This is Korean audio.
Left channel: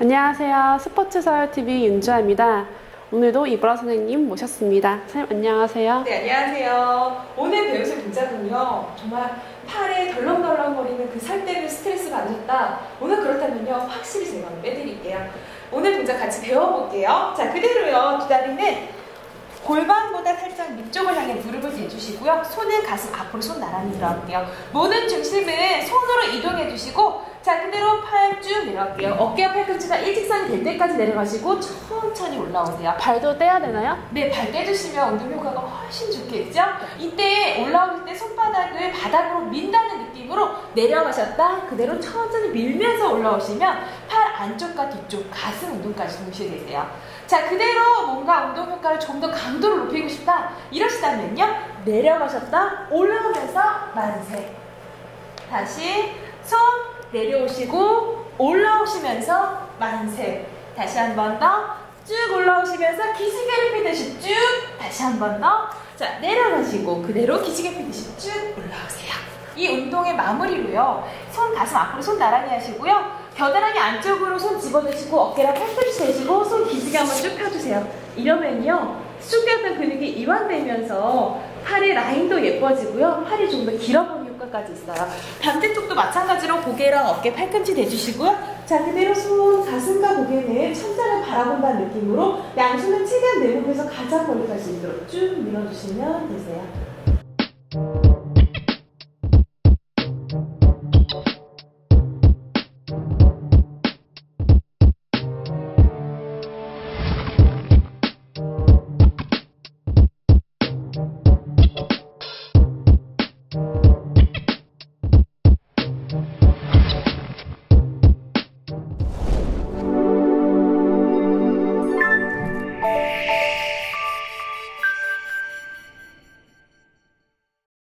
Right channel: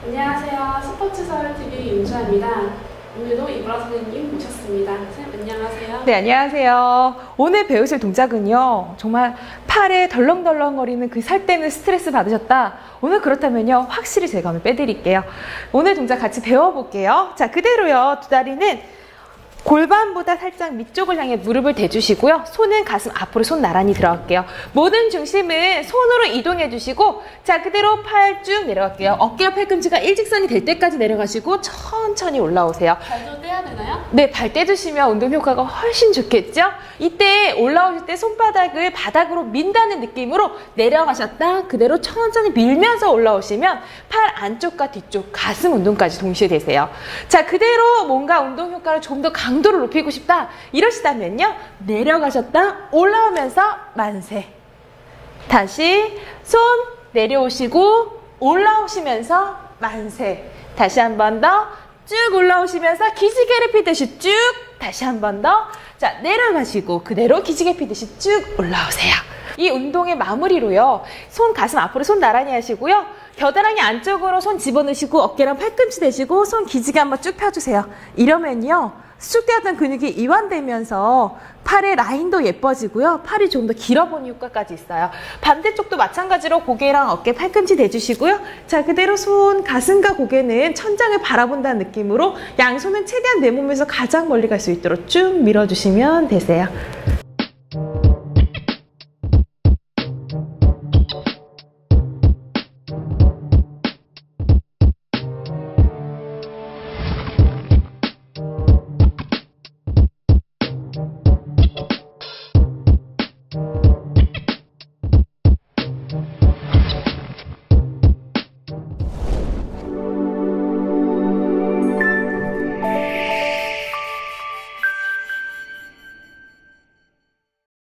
안녕하세요. 스포츠서울TV 윤주아입니다. 오늘도 이브라 선생님 모셨습니다. 선생님 안녕하세요. 네, 안녕하세요. 오늘 배우실 동작은요, 정말 팔에 덜렁덜렁거리는 그 살 때문에 스트레스 받으셨다. 오늘 그렇다면요, 확실히 제가 오늘 빼드릴게요. 오늘 동작 같이 배워볼게요. 자, 그대로요, 두 다리는 골반보다 살짝 밑쪽을 향해 무릎을 대주시고요. 손은 가슴 앞으로 손 나란히 들어갈게요. 모든 중심은 손으로 이동해 주시고 자 그대로 팔 쭉 내려갈게요. 어깨와 팔꿈치가 일직선이 될 때까지 내려가시고 천천히 올라오세요. 발도 떼야 되나요? 네, 발 떼주시면 운동 효과가 훨씬 좋겠죠? 이때 올라오실 때 손바닥을 바닥으로 민다는 느낌으로 내려가셨다 그대로 천천히 밀면서 올라오시면 팔 안쪽과 뒤쪽 가슴 운동까지 동시에 되세요. 자, 그대로 뭔가 운동 효과를 좀 더 강 도를 높이고 싶다 이러시다면요. 내려가셨다 올라오면서 만세. 다시 손 내려오시고 올라오시면서 만세. 다시 한 번 더. 쭉 올라오시면서 기지개를 피듯이 쭉 다시 한 번 더. 자, 내려가시고 그대로 기지개 피듯이 쭉 올라오세요. 이 운동의 마무리로요. 손 가슴 앞으로 손 나란히 하시고요. 겨드랑이 안쪽으로 손 집어넣으시고 어깨랑 팔꿈치 대시고 손 기지개 한번 쭉 펴주세요. 이러면요. 수비하던 근육이 이완되면서 팔의 라인도 예뻐지고요. 팔이 좀 더 길어 보는 효과까지 있어요. 반대쪽도 마찬가지로 고개랑 어깨 팔꿈치 대주시고요. 자, 그대로 손, 가슴과 고개는 천장을 바라본다는 느낌으로 양손은 최대한 내 몸에서 가장 멀리 갈 수 있도록 쭉 밀어주시면 되세요.